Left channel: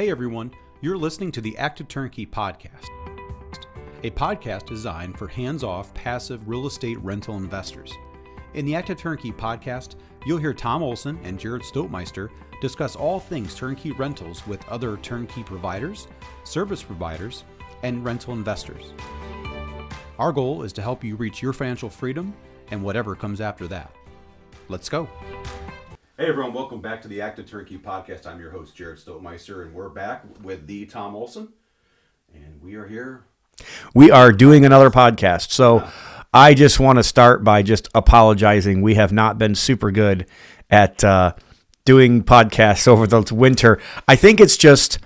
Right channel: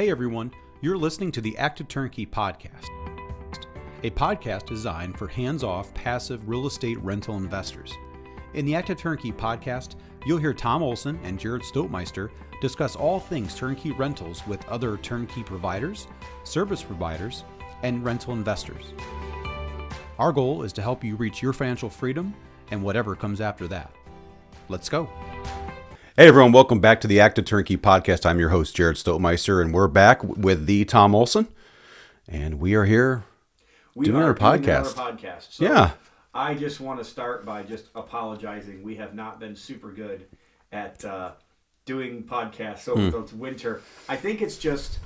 Hey everyone, you're listening to the Active Turnkey Podcast, a podcast designed for hands-off, passive real estate rental investors. In the Active Turnkey Podcast, you'll hear Tom Olson and Jared Stoutmeister discuss all things turnkey rentals with other turnkey providers, service providers, and rental investors. Our goal is to help you reach your financial freedom and whatever comes after that. Let's go. Hey everyone, welcome back to the Active Turnkey Podcast. I'm your host, Jared Stoutmeister, and we're back with the Tom Olson, and we are here. We are doing another podcast. So I just want to start by just apologizing. We have not been super good at doing podcasts over the winter. I think it's just,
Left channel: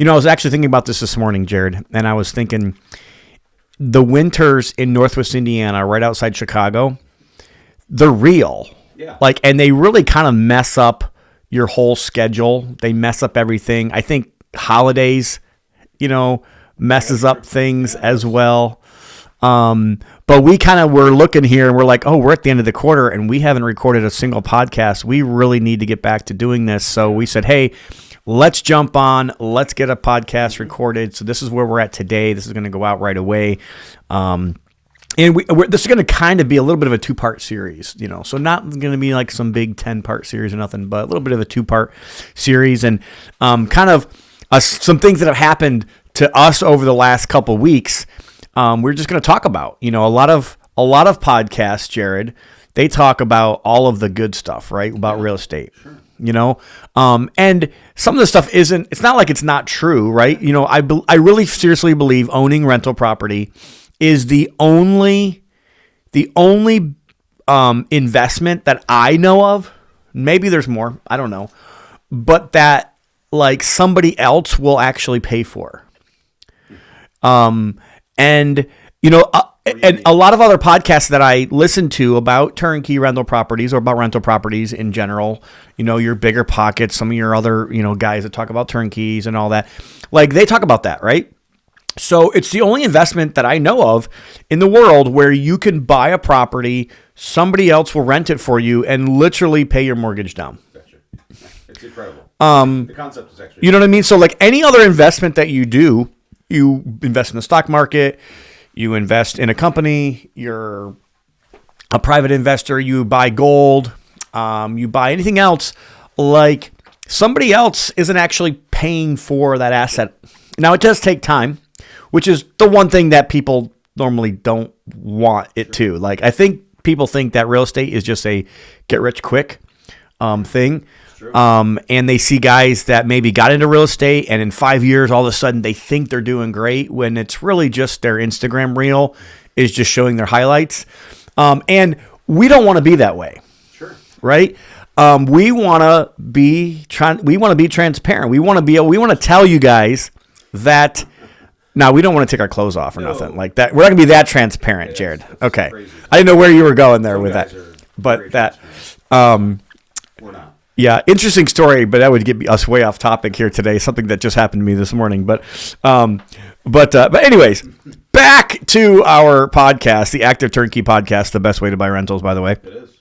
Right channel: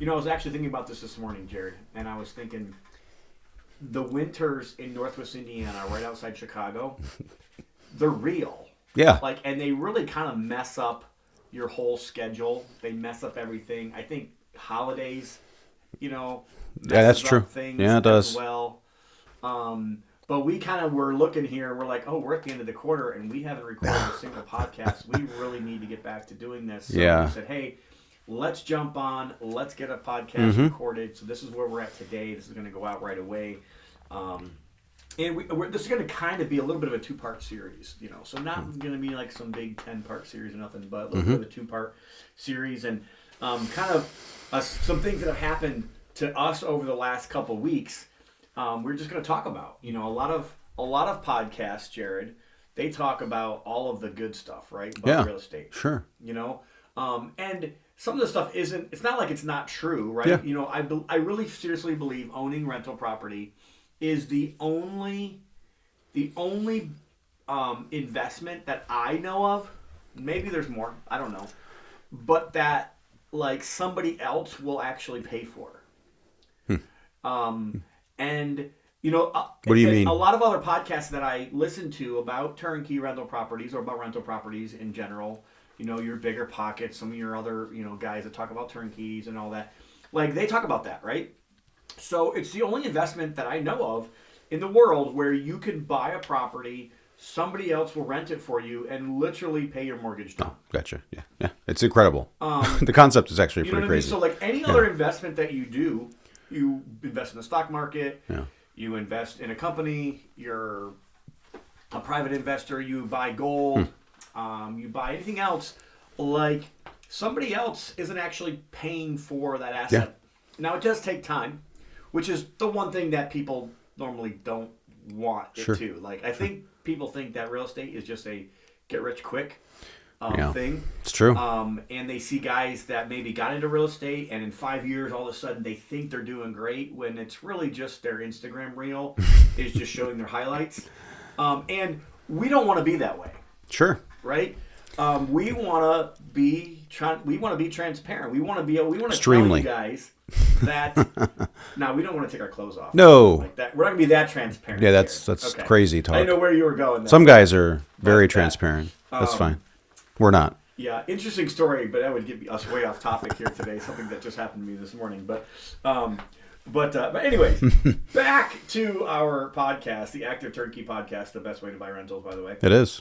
I was actually thinking about this morning, Jared, and I was thinking the winters in Northwest Indiana, right outside Chicago, they're real. Yeah. And they really kind of mess up your whole schedule. They mess up everything. I think holidays, messes up things as well. But we kind of were looking here and we're like, we're at the end of the quarter and we haven't recorded a single podcast. We really need to get back to doing this. So we said, hey, let's jump on. Let's get a podcast recorded. So this is where we're at today. This is going to go out right away. And this is going to kind of be a little bit of a two-part series, so not going to be like some big 10-part series or nothing, but a little bit of a two-part series and kind of some things that have happened to us over the last couple weeks. We're just going to talk about, a lot of podcasts, Jared, they talk about all of the good stuff, right? About real estate. Sure. And some of the stuff it's not like it's not true, right? Yeah. I really seriously believe owning rental property is the only investment that I know of. Maybe there's more, I don't know, but that somebody else will actually pay for. And a lot of other podcasts that I listen to about turnkey rental properties or about rental properties in general, your Bigger Pockets, some of your other, guys that talk about turnkeys and all that, they talk about that, right? So it's the only investment that I know of in the world where you can buy a property, somebody else will rent it for you and literally pay your mortgage down. Gotcha. Yeah. It's incredible. The concept is actually, what I mean? So any other investment that you do, you invest in the stock market, you invest in a company, you're a private investor, you buy gold, you buy anything else, somebody else isn't actually paying for that asset. Yeah. Now it does take time, which is the one thing that people normally don't want it to. I think people think that real estate is just a get rich quick thing. It's true. And they see guys that maybe got into real estate and in 5 years, all of a sudden they think they're doing great when it's really just their Instagram reel is just showing their highlights. And we don't want to be that way. Sure. Right? We want to be transparent. We want to tell you guys that now, we don't want to take our clothes off. No. Like that. We're not going to be that transparent, Jared. That's okay. Crazy talk. I didn't know where you were going there. Some guys are very transparent. That's fine. We're not. Yeah, interesting story, but that would get us way off topic here today. Something that just happened to me this morning. But anyways, back to our podcast, the Active Turnkey Podcast, the best way to buy rentals, by the way. It is.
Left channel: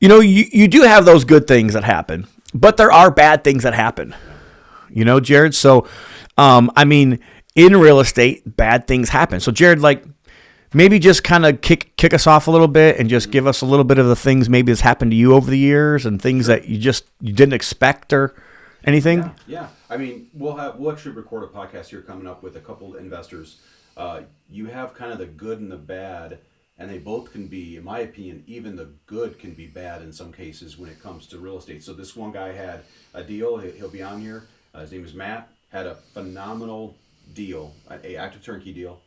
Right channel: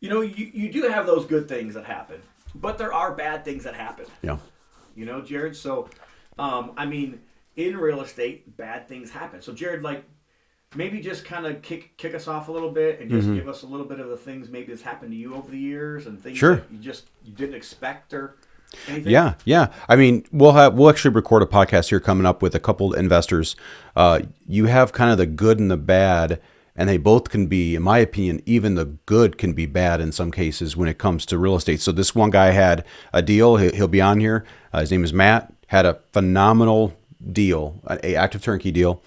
You do have those good things that happen, but there are bad things that happen. Yeah. Jared. So, in real estate, bad things happen. So, Jared, maybe just kind of kick us off a little bit and just give us a little bit of the things maybe that's happened to you over the years and things that you didn't expect or anything. Yeah. We'll actually record a podcast here coming up with a couple investors. You have kind of the good and the bad, and they both can be, in my opinion, even the good can be bad in some cases when it comes to real estate. So this one guy had a deal. He'll be on here. His name is Matt. Had a phenomenal deal, a active turnkey deal.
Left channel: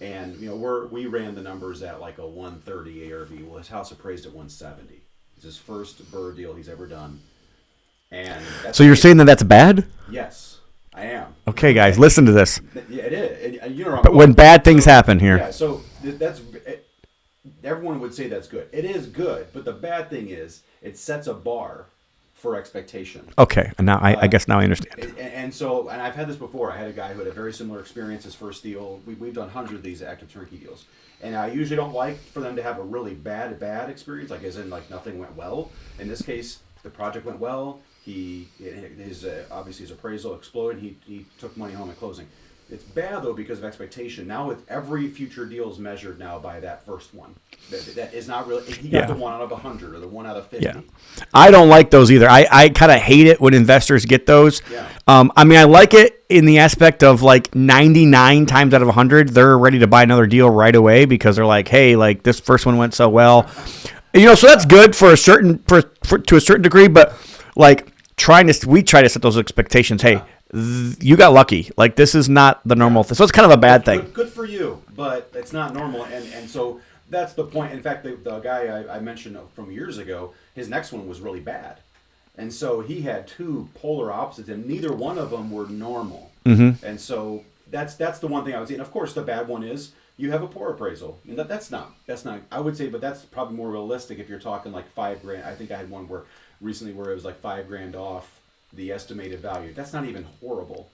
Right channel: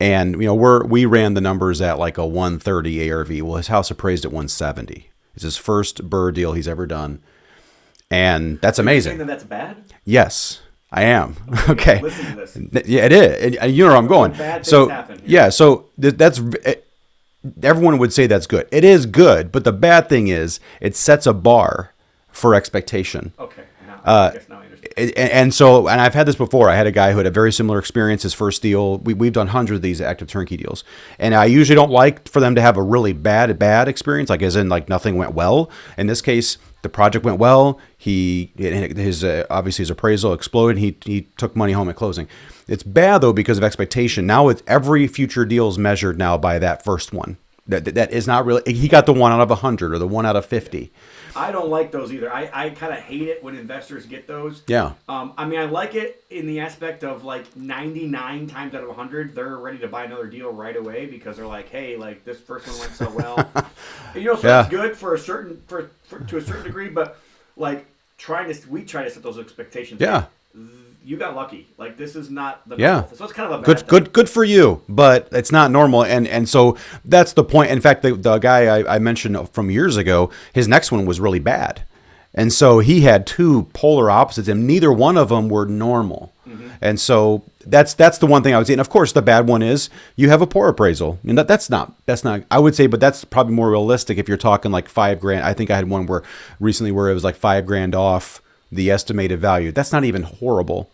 And, we ran the numbers at a 130 ARV. Well, his house appraised at 170. It's his first BRRRR deal he's ever done. And that's amazing. You're saying that that's bad? Yes, I am. Okay, guys, listen to this. Yeah, it is. And you know where I'm going. When bad things happen here. Yeah, so that's everyone would say that's good. It is good, but the bad thing is it sets a bar for expectation. Okay, and now I guess now I understand. And I've had this before. I had a guy who had a very similar experience. His first deal, we've done hundreds of these active turnkey deals, and I usually don't like for them to have a really bad experience, as in nothing went well. In this case, the project went well. Obviously his appraisal exploded. He took money home at closing. It's bad though because of expectation. Now every future deal is measured now by that first one. That is not really. He got the 1 out of 100 or the 1 out of 50. Yeah. I don't like those either. I kind of hate it when investors get those. Yeah. I mean, I like it in the aspect of like 99 times out of 100, they're ready to buy another deal right away because they're like, hey, like this first one went so well. So that's good for a certain to a certain degree, but like we try to set those expectations. Yeah. Hey, you got lucky. Like this is not the normal thing. So it's kind of a bad thing. Good for you, but it's not normal. And so that's the point. In fact, the guy I mentioned from years ago, his next one was really bad. And so he had two polar opposites and neither one of them were normal. Mm-hmm. And so that's the one thing I would say. And of course the bad one is you have a poor appraisal. And that's not I would say, but that's probably more realistic if you're talking like $5,000. I think I had one recently where it was like $5,000 off the estimated value. That's not even horrible.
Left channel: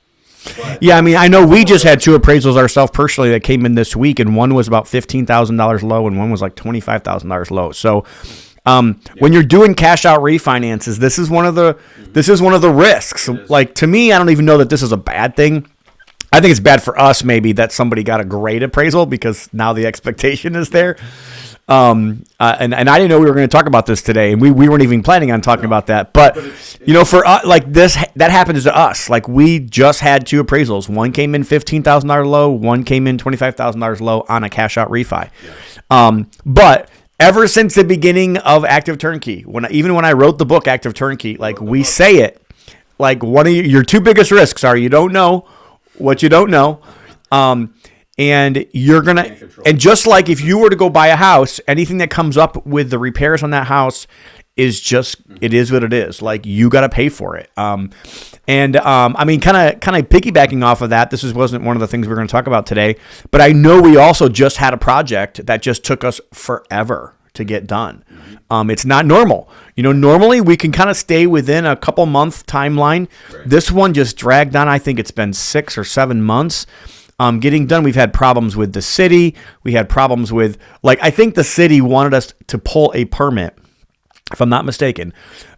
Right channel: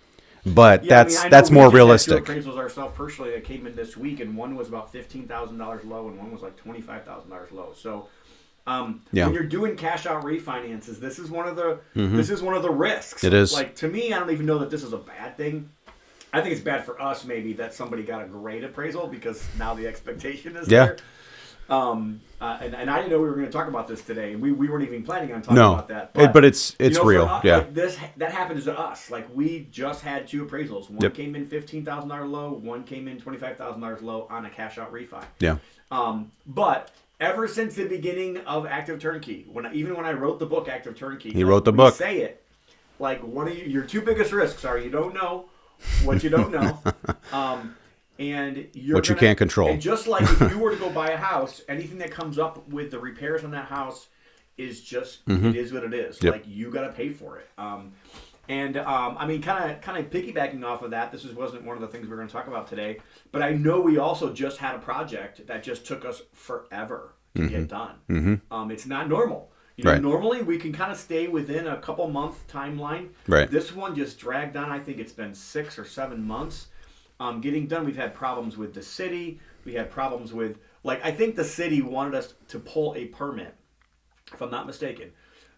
But yeah, I mean, I know we just had two appraisals ourselves personally that came in this week, and one was about $15,000 low, and one was like $25,000 low. So, when you're doing cash out refinances, this is one of the risks. It is. Like to me, I don't even know that this is a bad thing. I think it's bad for us maybe that somebody got a great appraisal because now the expectation is there. And I didn't know we were going to talk about this today, and we weren't even planning on talking about that. But it's for us, like this, that happens to us. Like we just had two appraisals. One came in $15,000 low. One came in $25,000 low on a cash out refi. Yeah. But ever since the beginning of Active Turnkey, even when I wrote the book Active Turnkey, say it, like one of your two biggest risks are you don't know what you don't know. And you can't control. And just like if you were to go buy a house, anything that comes up with the repairs on that house is just it is what it is. Yep. Like you got to pay for it. I mean, kind of piggybacking off of that. This wasn't one of the things we're going to talk about today, but I know we also just had a project that just took us forever to get done. Mm-hmm. It's not normal. Normally we can kind of stay within a couple month timeline. Right. This one just dragged on. I think it's been 6 or 7 months. Getting done. We've had problems with the city. We had problems with, I think the city wanted us to pull a permit, if I'm not mistaken.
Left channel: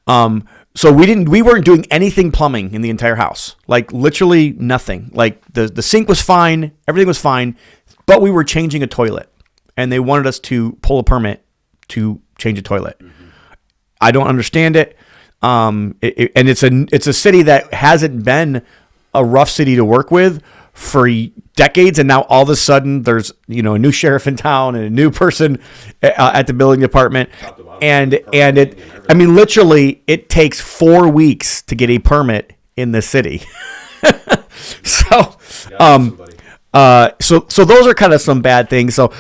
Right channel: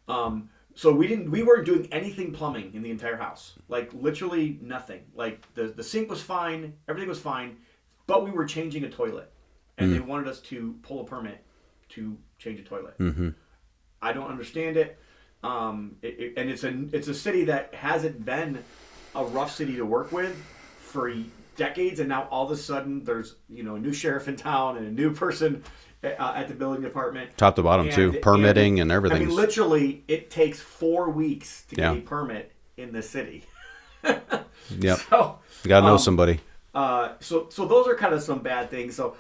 So we weren't doing anything plumbing in the entire house. Like literally nothing. Like the sink was fine. Everything was fine, but we were changing a toilet and they wanted us to pull a permit to change a toilet. Mm-hmm. I don't understand it. And it's a city that hasn't been a rough city to work with for decades, and now all of a sudden there's a new sheriff in town and a new person at the building department, top to bottom, and permitting and everything. I mean, literally, it takes 4 weeks to get a permit in the city. So you gotta know somebody. So those are kind of some bad things. So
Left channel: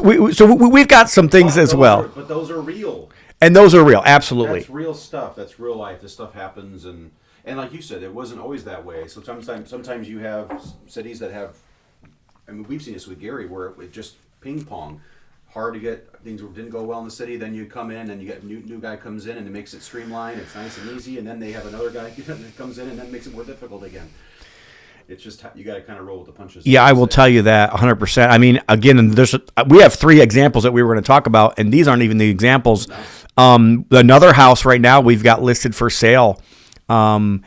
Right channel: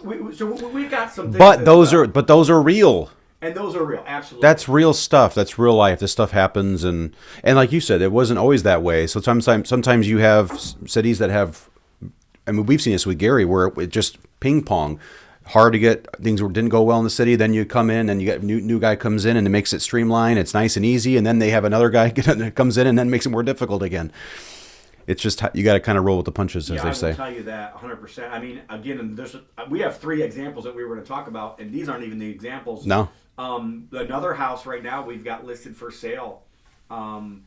we've got some things as well, but those are real. And those are real, absolutely. That's real stuff. That's real life. This stuff happens, and like you said, it wasn't always that way. So sometimes you have cities that have. I mean, we've seen this with Gary, where it just ping pong, hard to get things didn't go well in the city. Then you come in, and you get new guy comes in, and it makes it streamlined. It's nice and easy, and then they have another guy that comes in, and then makes it more difficult again. It's just you got to kind of roll with the punches. Yeah, I will tell you that 100%. I mean, again, we have 3 examples that we were going to talk about, and these aren't even the examples. No. Another house right now we've got listed for sale, and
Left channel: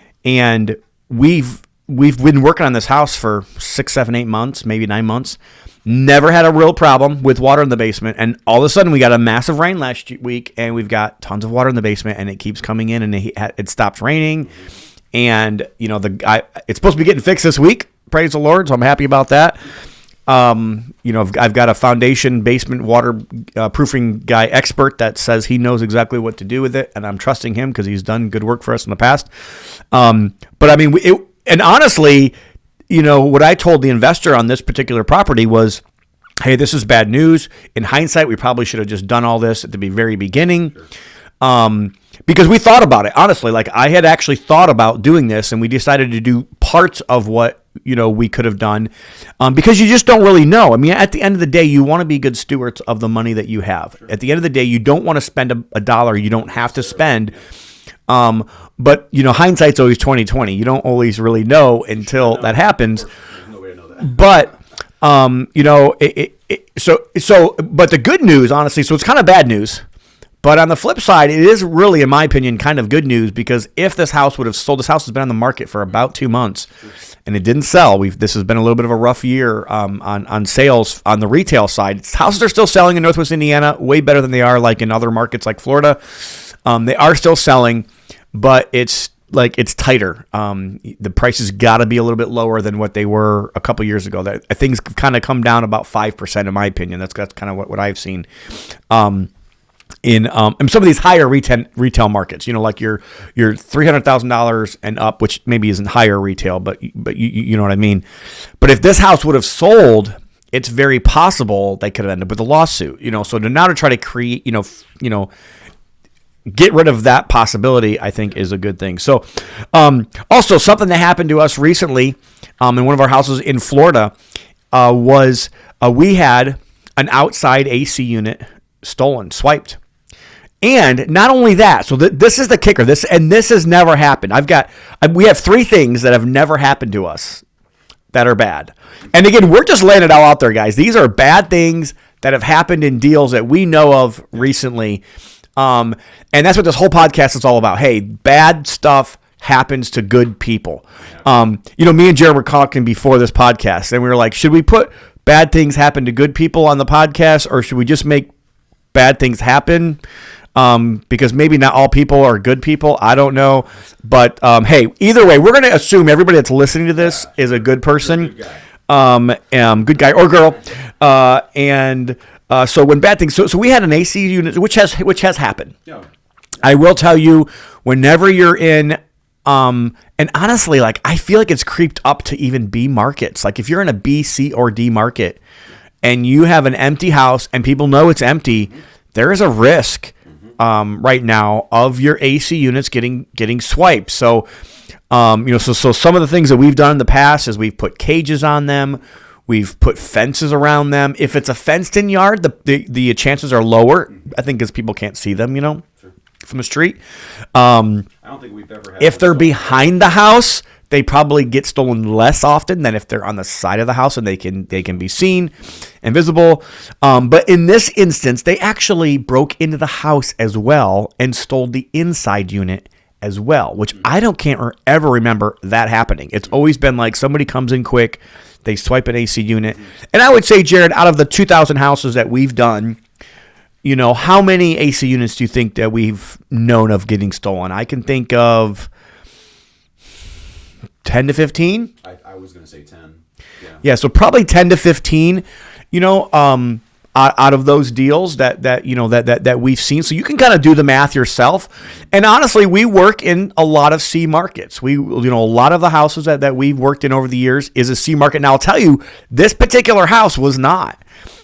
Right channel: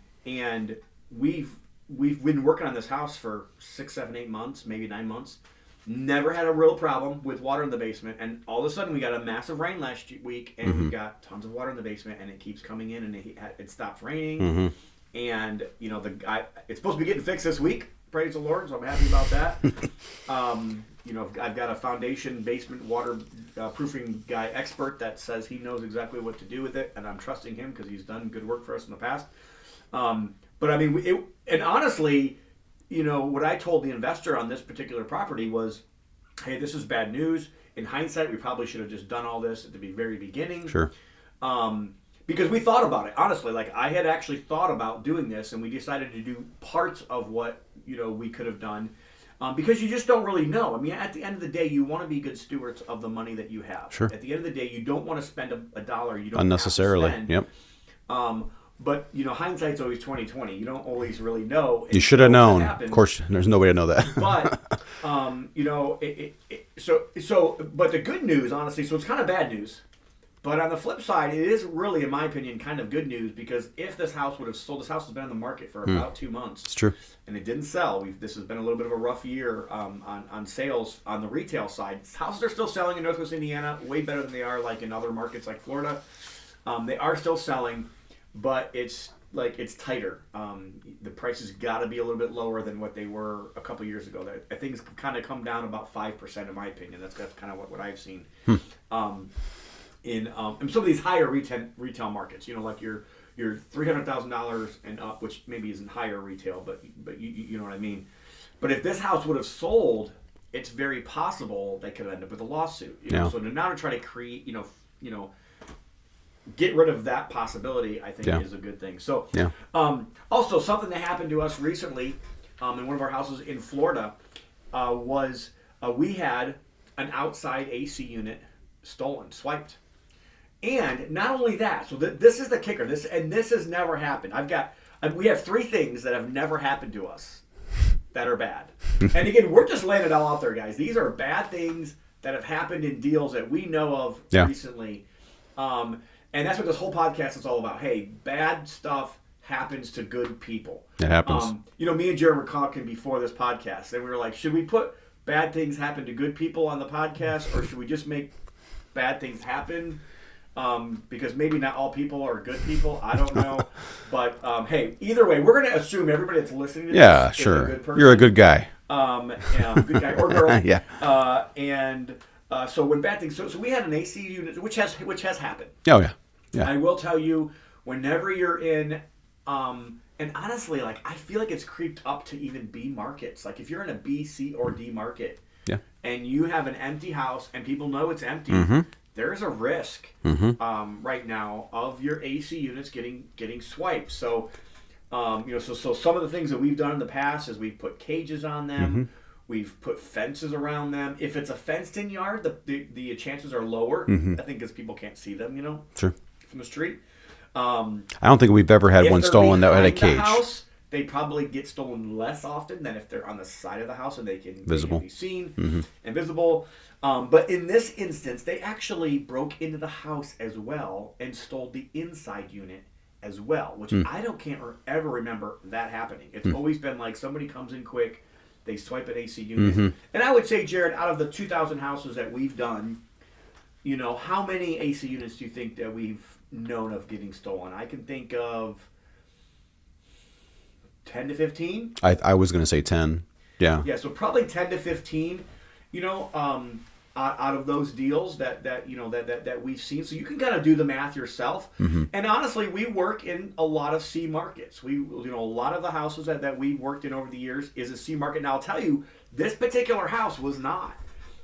we've been working on this house for 6, 7, 8 months, maybe 9 months. Never had a real problem with water in the basement, and all of a sudden we got a massive rain last week, and we've got tons of water in the basement, and it keeps coming in, and it stopped raining. Mm-hmm. And it's supposed to be getting fixed this week. Praise the Lord. So I'm happy about that. I've got a foundation basement water proofing guy expert that says he knows exactly what to do with it, and I'm trusting him because he's done good work for us in the past. But I mean, and honestly, what I told the investor on this particular property was, hey, this is bad news. In hindsight, we probably should have just done all this at the very beginning. Sure. Because we thought about it, honestly. Like I had actually thought about doing this, and we decided to do parts of what we could have done, because you just don't really know. I mean, at the end of the day, you want to be good stewards of the money that you have. Sure. At the end of the day, you don't want to spend a dollar you don't have to spend. Yep. But hindsight's always 20/20. You don't always really know until that happens. Of course, there's no way to know that. But but the good news, honestly, so it's kind of bad news. But on the flip side, it is really, in my opinion, kind of good news, because if this house would have sold, this house has been on the market for about 2 months. It's true. And it didn't sell. This has been a little bit of a rough year on sales on the retail side. Houses are still selling in Northwest Indiana way better than they are like in other markets like Florida. They are still selling, but it's tighter. The prices got to be a little bit lower than what they were a couple years ago. Things kind of come down about 5%, in my opinion. That's kind of what I've seen. In some of these higher retail markets, like your $300,000 and up, which maybe isn't higher retail, but you know what I mean. But if this house would have sold, it's very possible they could have ended up with a lawsuit. So now to try to create, get rid of that possibility, I think is a good thing. So, also something that happened to us recently, in one of our houses in Florida, was we had an outside AC unit stolen, swiped. And not only that, so this is the kicker. This has never happened. We have 3 things that have never happened to us that are bad. And again, we're just laying it all out there, guys. These are bad things that have happened in deals that we know of recently. And that's what this whole podcast is all about. Hey, bad stuff happens to good people. It happens. Me and Jared were talking before this podcast, and we were like, should we put bad things happen to good people on the podcast, or should we just make bad things happen? Because maybe not all people are good people. I don't know. But, hey, either way, we're going to assume everybody that's listening to this is a good person. You're a good guy. Good guy or girl. Yeah. So when bad things, so we had an AC unit, which has happened. Oh, yeah. I will tell you, whenever you're in, and honestly, I feel like it's creeped up to even B markets. Like if you're in a B, C, or D market, and you have an empty house and people know it's empty, there is a risk right now of your AC units getting swiped. So, so some of the things that we've done in the past is we've put cages on them. We've put fences around them. If it's a fenced-in yard, the chances are lower. I think because people can't see them, Sure. from the street. I don't think we've ever had if one they're stolen behind the house, they probably get stolen less often than if they're on the side of the house and they can be seen and visible. But in this instance, they actually broke into the house as well and stole the inside unit as well, which can't ever remember that happening. It's always been like somebody comes in quick, they swipe an AC unit. And I would say, Jared, out of the 2,000 houses that we've done, how many AC units do you think that we've known of getting stolen? I can think of 10 to 15. I was going to say 10. Yeah. Yeah. So probably 10 to 15, out of those deals that we've seen. So you can kind of do the math yourself. And honestly, we work in a lot of C markets. A lot of the houses that we've worked in over the years is a C market. Now I'll tell you, this particular house was not.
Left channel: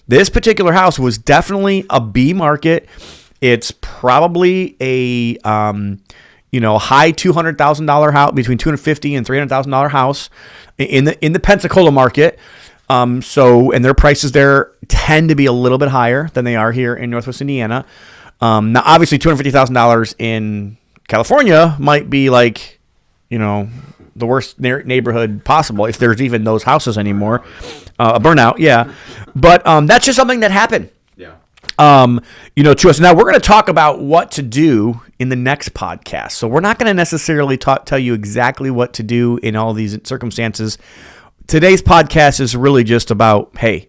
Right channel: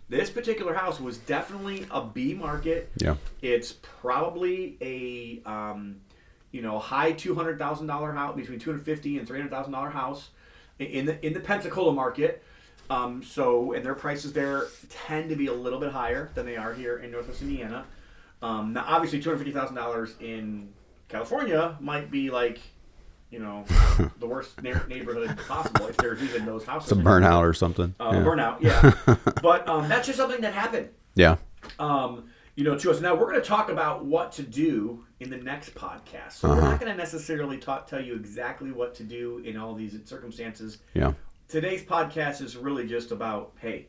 This particular house was definitely a B market. Yeah. It's probably a high $200,000 house, between $250,000 and $300,000 house in the Pensacola market. And their prices there tend to be a little bit higher than they are here in Northwest Indiana. Now, obviously, $250,000 in California might be like, the worst neighborhood possible if there's even those houses anymore. Burnout or something. A burnout, yeah. But that's just something that happened. Yeah. To us. Now, we're going to talk about what to do in the next podcast. So we're not going to necessarily tell you exactly what to do in all these circumstances. Yeah. Today's podcast is really just about, hey,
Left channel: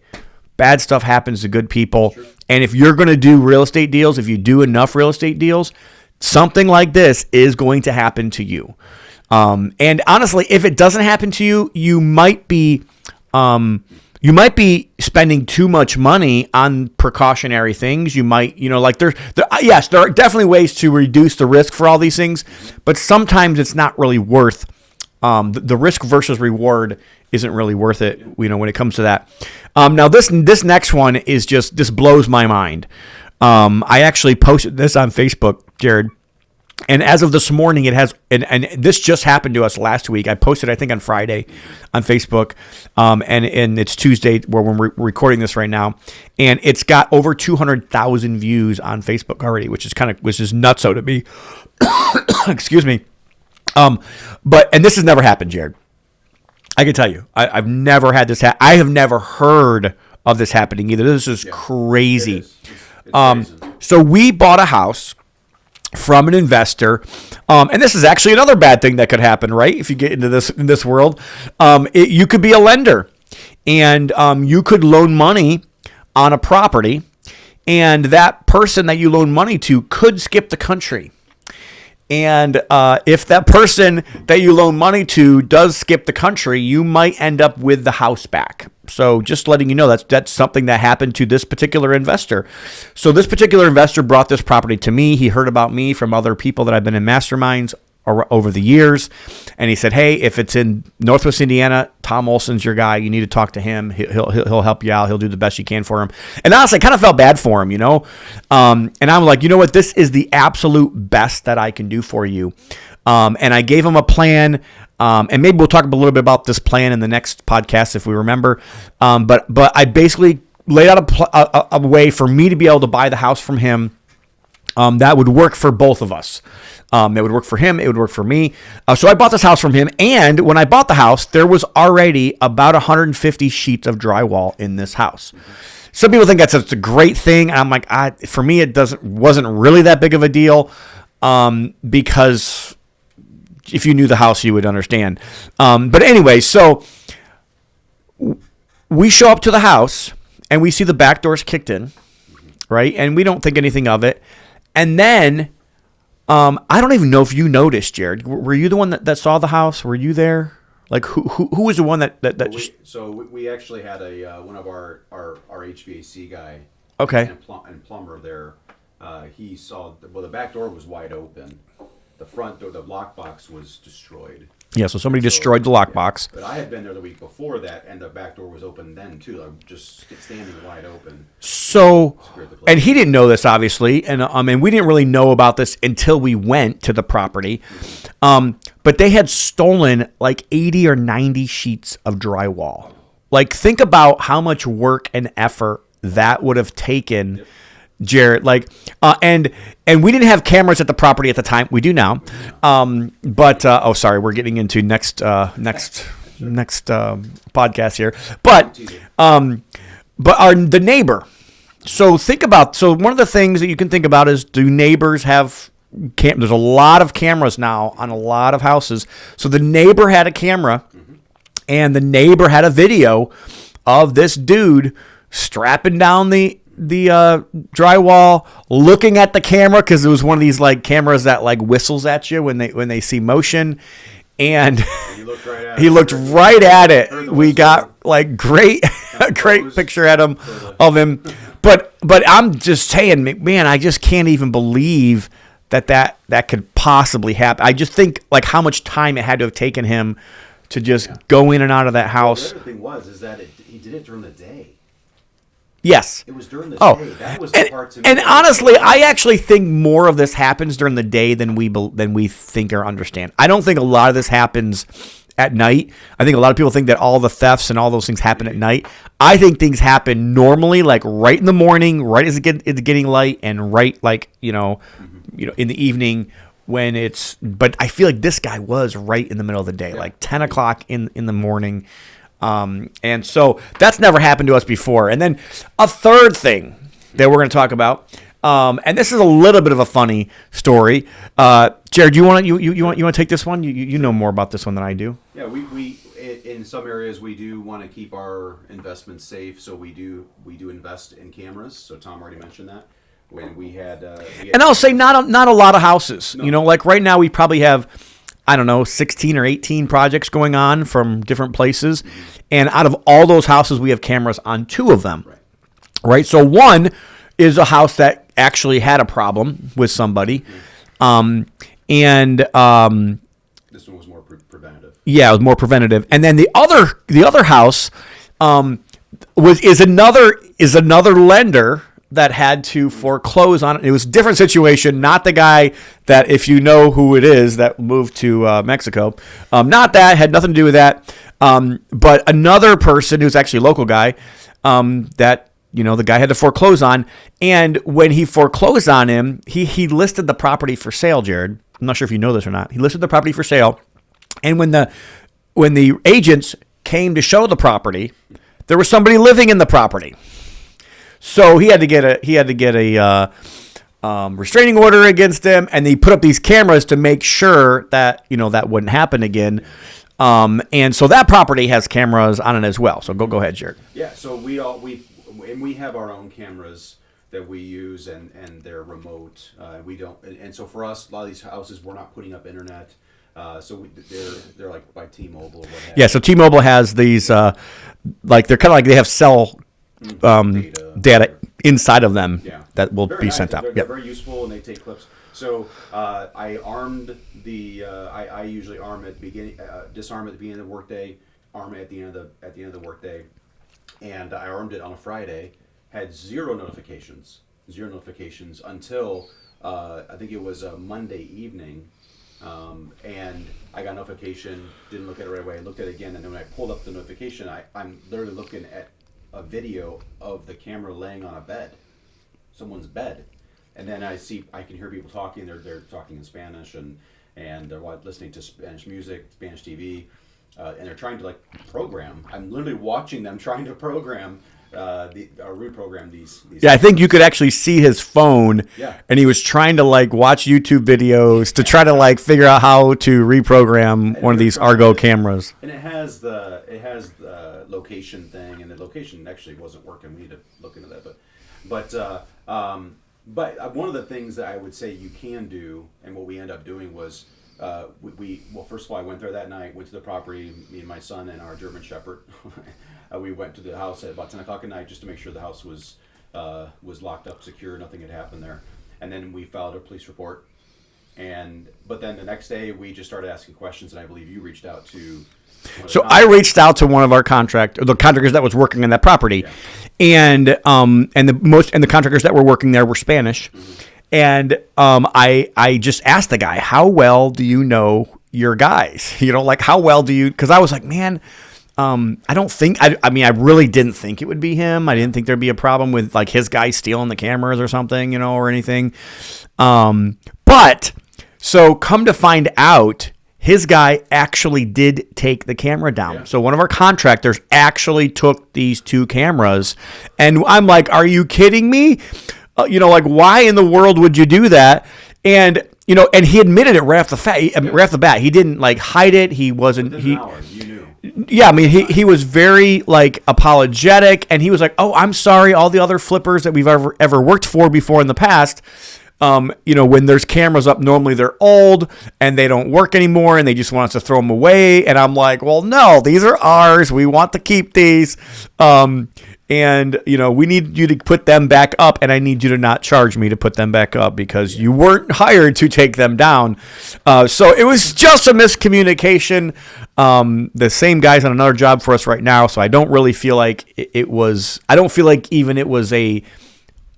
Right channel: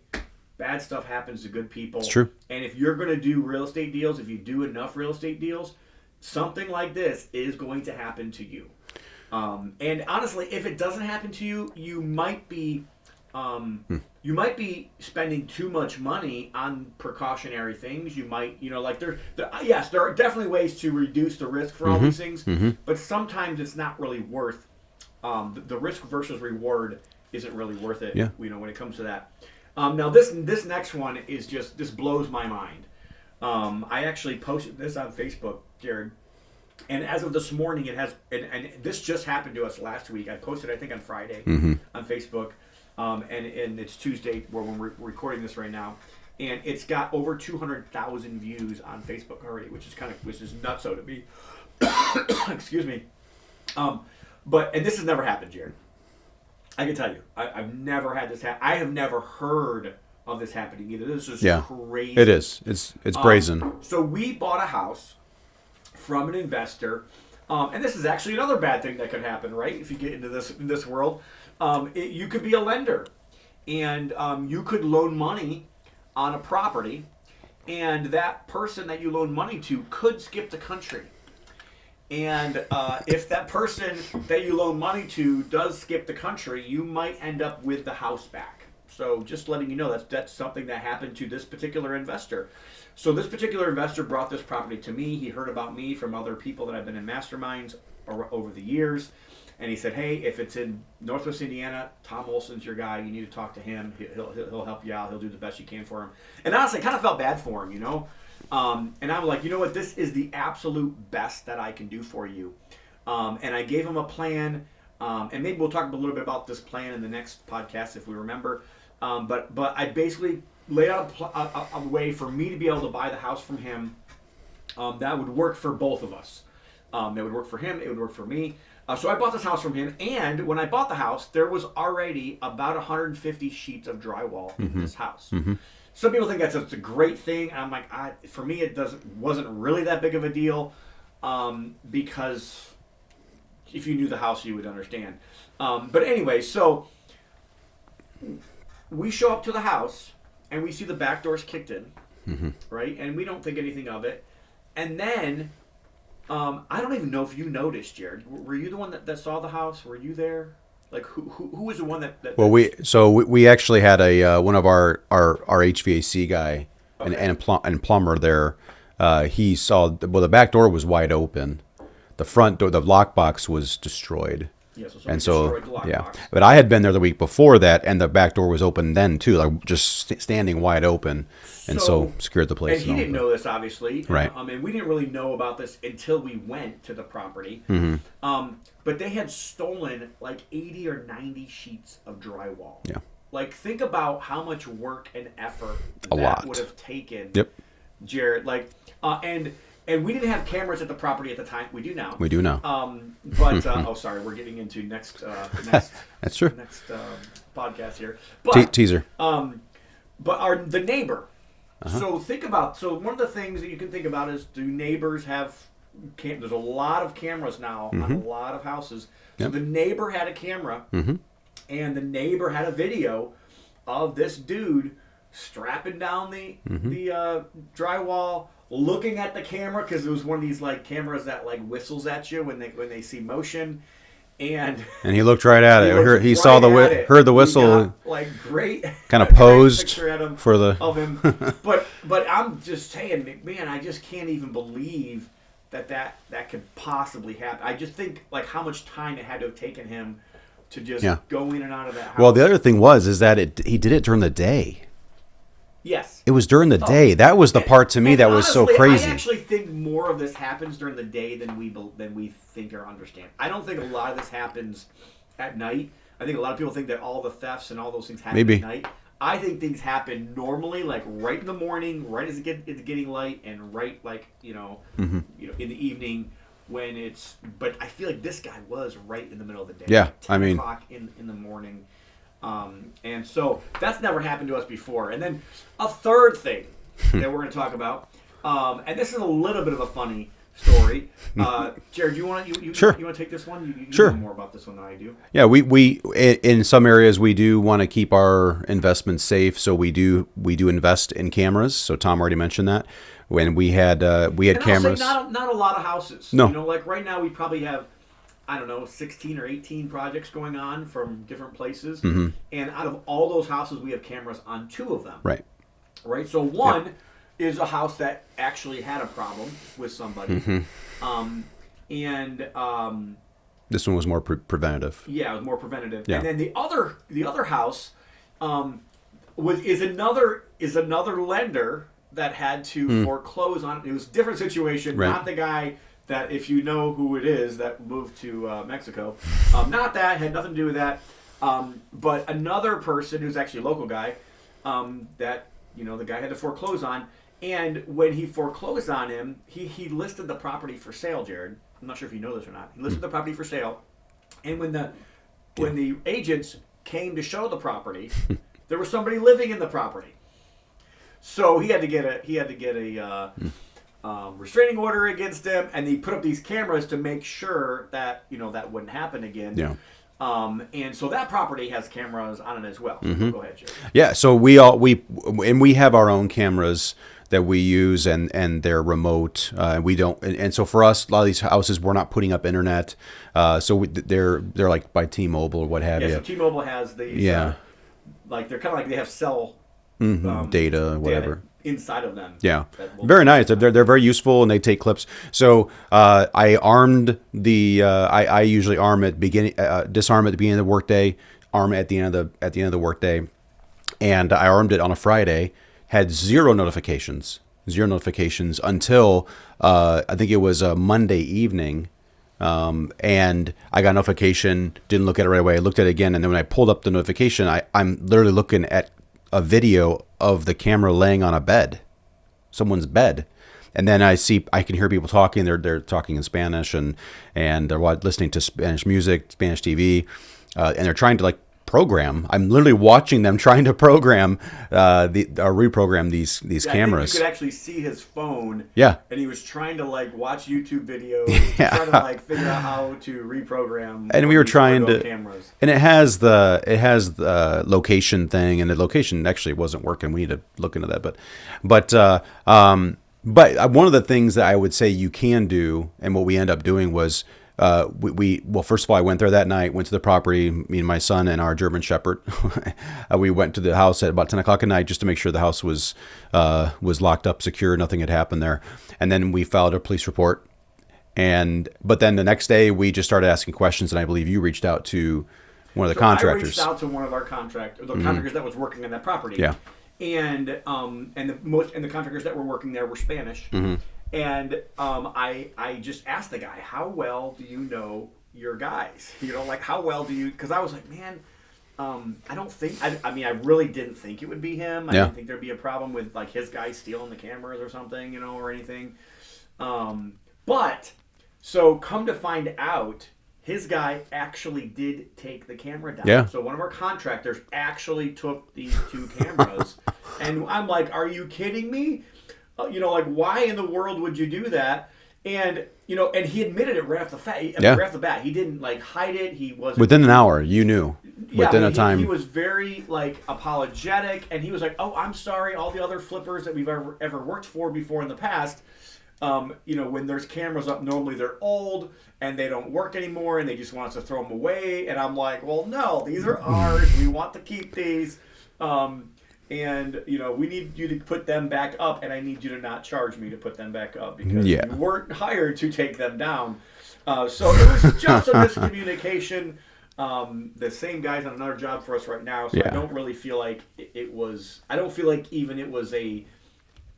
bad stuff happens to good people. That's true. And if you're going to do real estate deals, if you do enough real estate deals, something like this is going to happen to you. And honestly, if it doesn't happen to you, you might be spending too much money on precautionary things. You might, there are definitely ways to reduce the risk for all these things, but sometimes it's not really worth the risk versus reward isn't really worth it. Yeah. When it comes to that. Now this next one is this blows my mind. I actually posted this on Facebook, Jared. And as of this morning, it has, and this just happened to us last week. I posted, I think, on Friday on Facebook, and it's Tuesday where we're recording this right now, and it's got over 200,000 views on Facebook already, which is nutso to me. Excuse me. And this has never happened, Jared. I can tell you, I've never had this happen. I have never heard of this happening either. This is crazy. It is. It's brazen. So we bought a house from an investor, and this is actually another bad thing that could happen, right? If you get into this world, you could be a lender, and you could loan money on a property, and that person that you loan money to could skip the country. And if that person that you loan money to does skip the country, you might end up with the house back. So just letting you know, that's something that happened to this particular investor. So this particular investor brought this property to me. He heard about me from other people that I've been in masterminds over the years. And he said, hey, if it's in Northwest Indiana, Tom Olson's your guy. You need to talk to him. He'll help you out. He'll do the best you can for him. And honestly, I kind of felt bad for him, you know. And I'm like, you know what? This is the absolute best that I can do for you. And I gave him a plan. And maybe we'll talk a little bit about this plan in the next podcast if we remember. But I basically laid out a way for me to be able to buy the house from him that would work for both of us. It would work for him. It would work for me. So I bought this house from him. And when I bought the house, there was already about 150 sheets of drywall in this house. Mm-hmm. Some people think that's a great thing. I'm like, for me, it wasn't really that big of a deal because if you knew the house, you would understand. But anyway, so we show up to the house and we see the back doors kicked in, right? And we don't think anything of it. And then I don't even know if you noticed, Jared. Were you the one that saw the house? Were you there? Like who was the one that well, we actually had a one of our HVAC guy, and plumber there. He saw the back door was wide open. The front door, the lockbox was destroyed. Yeah, so somebody destroyed the lockbox. Yeah. But I had been there the week before that, and the back door was open then too, like just standing wide open. So secured the place. And he didn't know this, obviously, and right. We didn't really know about this until we went to the property. Mm-hmm. But they had stolen like 80 or 90 sheets of drywall. Yeah. Like, think about how much work and effort that would have taken. Yep. Jared, like, and we didn't have cameras at the property at the time. We do now. But sorry, we're getting into next That's true. Next podcast here. But teaser. But the neighbor. So think about. So one of the things that you can think about is, do neighbors have? There's a lot of cameras now on a lot of houses. So the neighbor had a camera, and the neighbor had a video of this dude strapping down the drywall, looking at the camera, because it was one of these like cameras that like whistles at you when they see motion, and he looked right at it. He looked right at it. Heard the whistle. We got like great kind of great picture at him of him. But I'm just saying, man, I just can't even believe that could possibly happen. I just think like how much time it had to have taken him to just go in and out of that house. Well, the other thing is that he did it during the day. Yes. It was during the day. That was the part to me that was honestly, so crazy. I actually think more of this happens during the day than we think or understand. I don't think a lot of this happens at night. I think a lot of people think that all the thefts and all those things happen at night. I think things happen normally, like right in the morning, right as it's getting light, and right like, in the evening when it's, but I feel like this guy was right in the middle of the day, like 10 o'clock in the morning. And so that's never happened to us before. And then a third thing that we're going to talk about, and this is a little bit of a funny story. Jared, you want to take this one? You know more about this one than I do. Yeah, we in some areas we do want to keep our investments safe, so we do invest in cameras. So Tom already mentioned that. When we had and cameras. I'll say not a lot of houses. No. Like right now we probably have, I don't know, 16 or 18 projects going on from different places. Mm-hmm. And out of all those houses, we have cameras on 2 of them. Right. So one is a house that actually had a problem with somebody. Mm-hmm. This one was more preventative. Yeah, it was more preventative. Yeah. And then the other house is another lender that had to foreclose on it. It was a different situation, not the guy that, if you know who it is, that moved to Mexico. Not that, had nothing to do with that. But another person who's actually a local guy that, the guy had to foreclose on. And when he foreclosed on him, he listed the property for sale, Jared. I'm not sure if you know this or not. He listed the property for sale. And when the agents came to show the property, there was somebody living in the property. So he had to get a restraining order against him, and he put up these cameras to make sure that that wouldn't happen again. Yeah. And so that property has cameras on it as well. So go ahead, Jared. Yeah. So we have our own cameras that we use, and they're remote. We don't, and so for us, a lot of these houses, we're not putting up internet. So they're like by T-Mobile or what have you. Yeah. So T-Mobile has these, like they're kind of like they have cell data inside of them. Yeah, that will very be nice. sent out. They're very useful, and they take clips. So I armed the. I usually arm at beginning, disarm at the beginning of the workday, arm at the end of the workday, and I armed it on a Friday. Had zero notifications until I think it was a Monday evening. And I got a notification, didn't look at it right away. I looked at it again, and then when I pulled up the notification, I'm literally looking at a video of the camera laying on a bed, someone's bed. And then I can hear people talking. They're talking in Spanish, and they're listening to Spanish music, Spanish TV, and they're trying to like program. I'm literally watching them trying to program reprogram these cameras. I think you could actually see his phone. Yeah. And he was trying to like watch YouTube videos to try to like figure out how to reprogram one of these Argo cameras. And it has the location thing, and the location actually wasn't working. We need to look into that. But one of the things that I would say you can do, and what we end up doing was well, first of all, I went there that night, went to the property, me and my son and our German Shepherd. We went to the house at about 10 o'clock at night just to make sure the house was locked up, secure, nothing had happened there. And then we filed a police report. But then the next day we just started asking questions, and I believe you reached out to one of the contractors. I reached out to one of our contractors that was working on that property. Yeah. And the contractors that were working there were Spanish. Mm-hmm. And I just asked the guy, how well do you know your guys? Like how well do you? Because I was like, man, I don't think. I mean, I really didn't think it would be him. I didn't think there'd be a problem with like his guy stealing the cameras or something, or anything. But so come to find out, his guy actually did take the camera down. Yeah. So one of our contractors actually took these two cameras, and I'm like, are you kidding me? Like why in the world would you do that? And and he admitted it right off the bat. He didn't like hide it. He wasn't within an hour. You knew. Yeah, I mean he was very like apologetic, and he was like, "Oh, I'm sorry. All the other flippers that we've ever worked for before in the past, when there's cameras up, normally they're old and they don't work anymore, and they just want us to throw them away." And I'm like, "Well, no, these are ours. We want to keep these." And, we need you to put them back up, and I need you to not charge me to put them back up because you weren't hired to take them down. So it was just a miscommunication. The same guy's on another job for us right now, so I don't really feel like it was – I don't feel like even it was a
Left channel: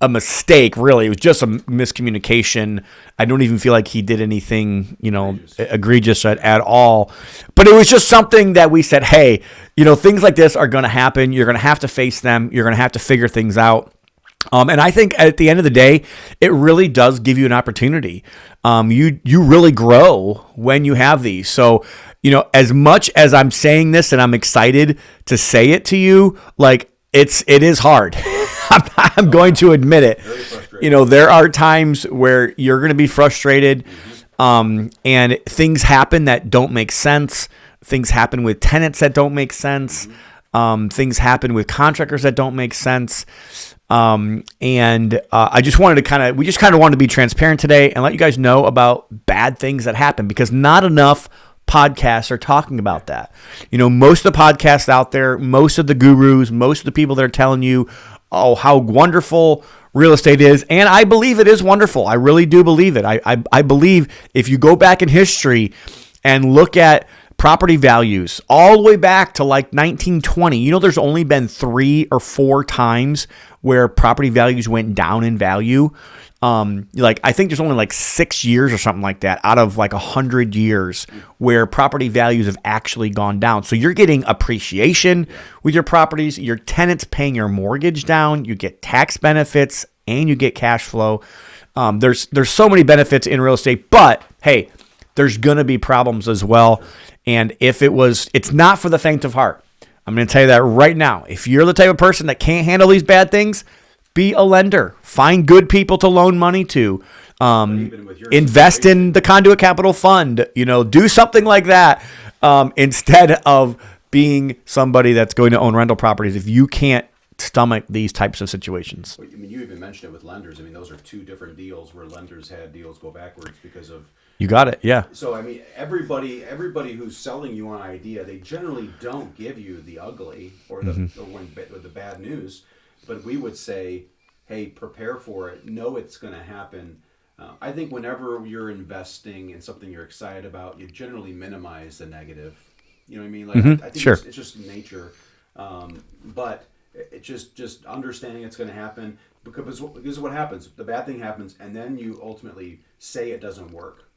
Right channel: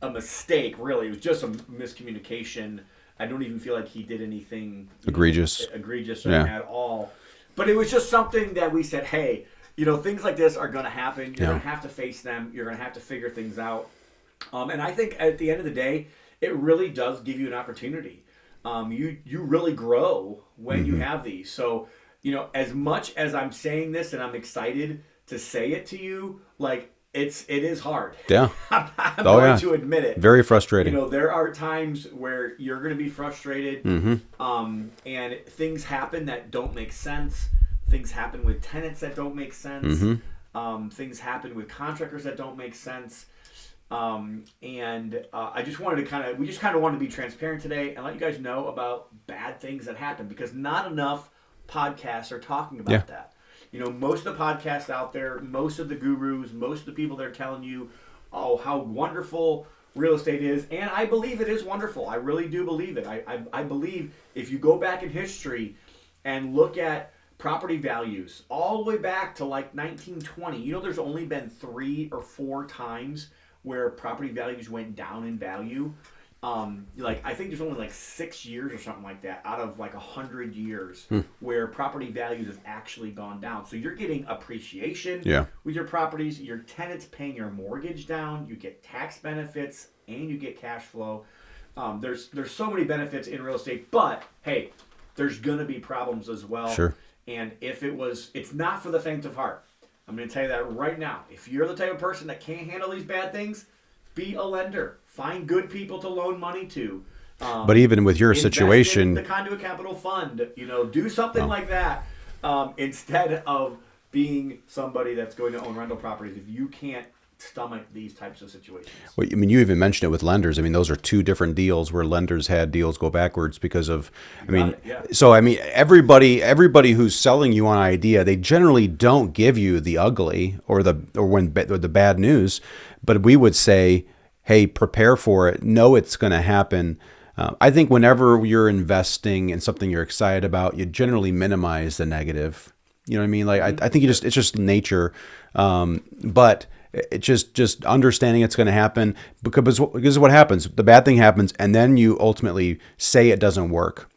mistake, really. It was just a miscommunication. I don't even feel like he did anything, egregious at all. But it was just something that we said, hey – things like this are going to happen. You're going to have to face them. You're going to have to figure things out. And I think at the end of the day, it really does give you an opportunity. You really grow when you have these. So, as much as I'm saying this and I'm excited to say it to you, like it is hard. Yeah. I'm going to admit it. Very frustrating. There are times where you're going to be frustrated, and things happen that don't make sense. Things happen with tenants that don't make sense. Mm-hmm. Things happen with contractors that don't make sense. And I just wanted to we just wanted to be transparent today and let you guys know about bad things that happen, because not enough podcasts are talking about that. Most of the podcasts out there, most of the gurus, most of the people that are telling you, how wonderful real estate is. And I believe it is wonderful. I really do believe it. I believe if you go back in history and look at property values all the way back to like 1920. There's only been 3 or 4 times where property values went down in value. I think there's only like 6 years or something like that out of like 100 years where property values have actually gone down. So you're getting appreciation with your properties. Your tenants paying your mortgage down. You get tax benefits and you get cash flow. There's so many benefits in real estate, but hey, there's going to be problems as well. Sure. And if it's not for the faint of heart. I'm going to tell you that right now. If you're the type of person that can't handle these bad things, be a lender. Find good people to loan money to. But even with your invest situation, in the Conduit Capital Fund. Do something like that instead of being somebody that's going to own rental properties if you can't stomach these types of situations. Well, I mean, you even mentioned it with lenders. I mean, those are two different deals where lenders had deals go backwards because of it. Yeah. So I mean, everybody who's selling you on an idea, they generally don't give you the ugly or the or the bad news, but we would say, hey, prepare for it. Know it's going to happen. I think whenever you're investing in something you're excited about, you generally minimize the negative. You know what I mean? Like I think it's just nature, but. It's just understanding it's going to happen because what happens, the bad thing happens, and then you ultimately say it doesn't work,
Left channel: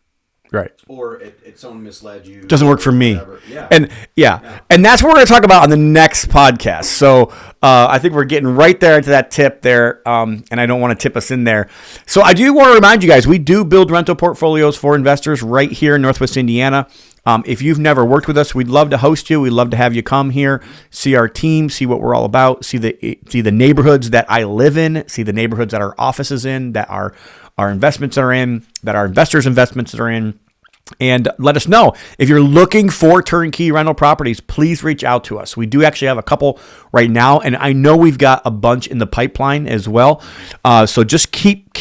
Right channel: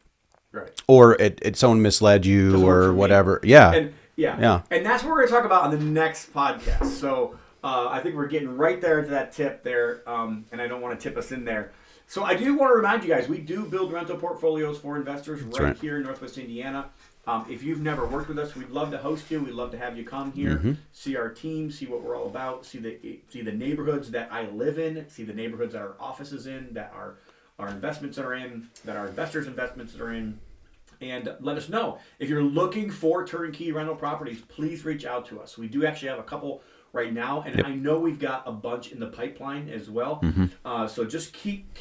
right? Or someone misled you, doesn't work for whatever. Me, yeah, and that's what we're going to talk about on the next podcast. So I think we're getting right there into that tip there, and I don't want to tip us in there. So I do want to remind you guys, we do build rental portfolios for investors right here in Northwest Indiana. If you've never worked with us, we'd love to host you. We'd love to have you come here, see our team, see what we're all about, see the neighborhoods that I live in, see the neighborhoods that our office is in, that our investments are in, that our investors' investments are in. And let us know. If you're looking for turnkey rental properties, please reach out to us. We do actually have a couple right now, and I know we've got a bunch in the pipeline as well. So just keep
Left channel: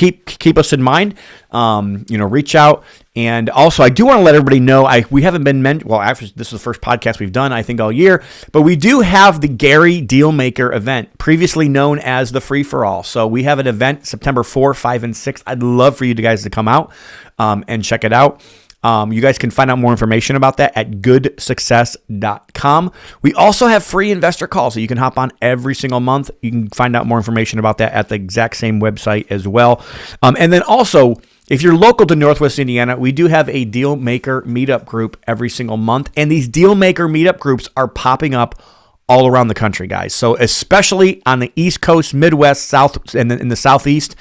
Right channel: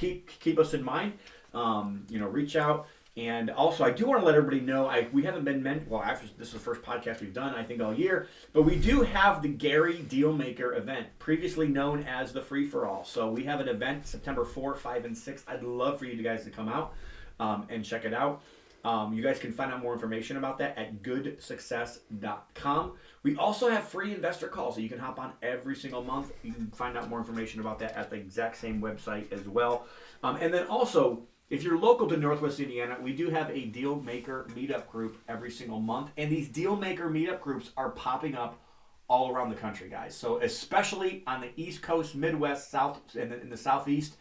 us in mind. Reach out. And also, I do want to let everybody know, we haven't been after this is the first podcast we've done, I think, all year, but we do have the Gary Dealmaker event, previously known as the Free for All. So we have an event September 4, 5, and 6. I'd love for you guys to come out and check it out. You guys can find out more information about that at goodsuccess.com. We also have free investor calls that you can hop on every single month. You can find out more information about that at the exact same website as well. And then also, if you're local to Northwest Indiana, we do have a Dealmaker meetup group every single month. And these Dealmaker meetup groups are popping up all around the country, guys. So especially on the East Coast, Midwest, South, and in the Southeast,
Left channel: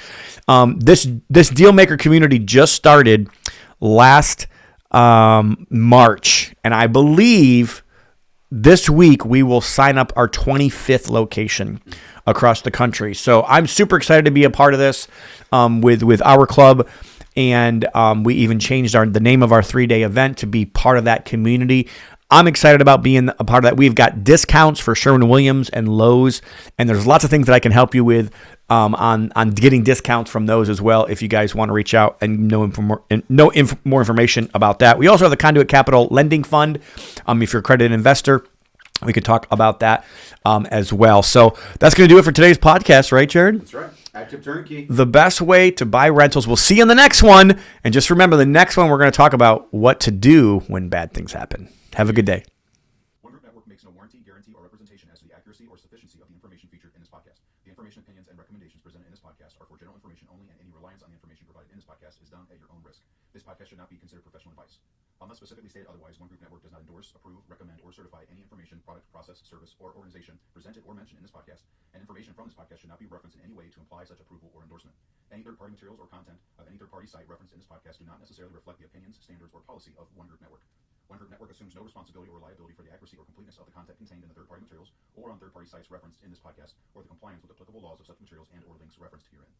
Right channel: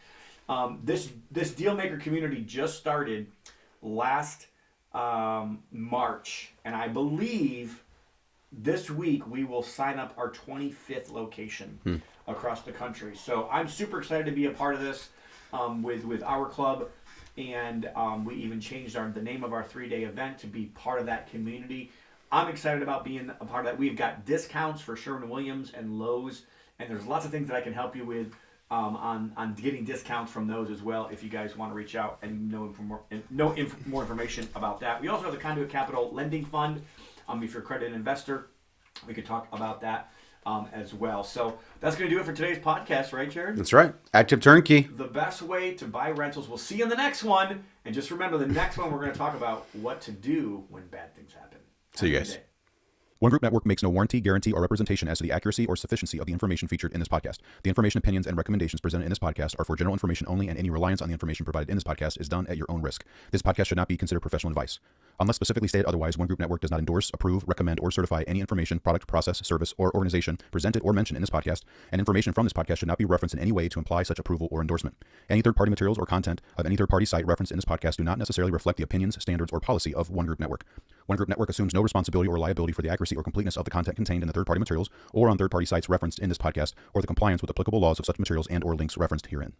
this Dealmaker community just started last March, and I believe this week we will sign up our 25th location across the country. So I'm super excited to be a part of this with our club, and we even changed the name of our 3-day event to be part of that community. I'm excited about being a part of that. We've got discounts for Sherwin-Williams and Lowe's, and there's lots of things that I can help you with on getting discounts from those as well if you guys want to reach out and know more information about that. We also have the Conduit Capital Lending Fund. If you're a accredited investor, we could talk about that as well. So that's going to do it for today's podcast, right, Jared? That's right. Active Turnkey. The best way to buy rentals. We'll see you in the next one. And just remember, the next one we're going to talk about what to do when bad things happen. Have a good day. One Group Network makes no warranty, guarantee, or representation as to the accuracy or sufficiency of the information featured in this podcast. The information, opinions, and recommendations presented in this podcast are for general information only, and any reliance on the information provided in this podcast is done at your own risk. This podcast should not be considered professional advice. Unless specifically stated otherwise, One Group Network does not endorse, approve, recommend, or certify any information, product, process, service, or organization presented or mentioned in this podcast, and information from this podcast should not be referenced in any way to imply such approval or endorsement. Any third-party materials or content of any third-party site referenced in this podcast do not necessarily reflect the opinions, standards, or policy of One Group Network. One Group Network assumes no responsibility or liability for the accuracy or completeness of the content contained in the third-party materials or on third-party sites referenced in this podcast, or the compliance with applicable laws of such materials and/or links referenced herein.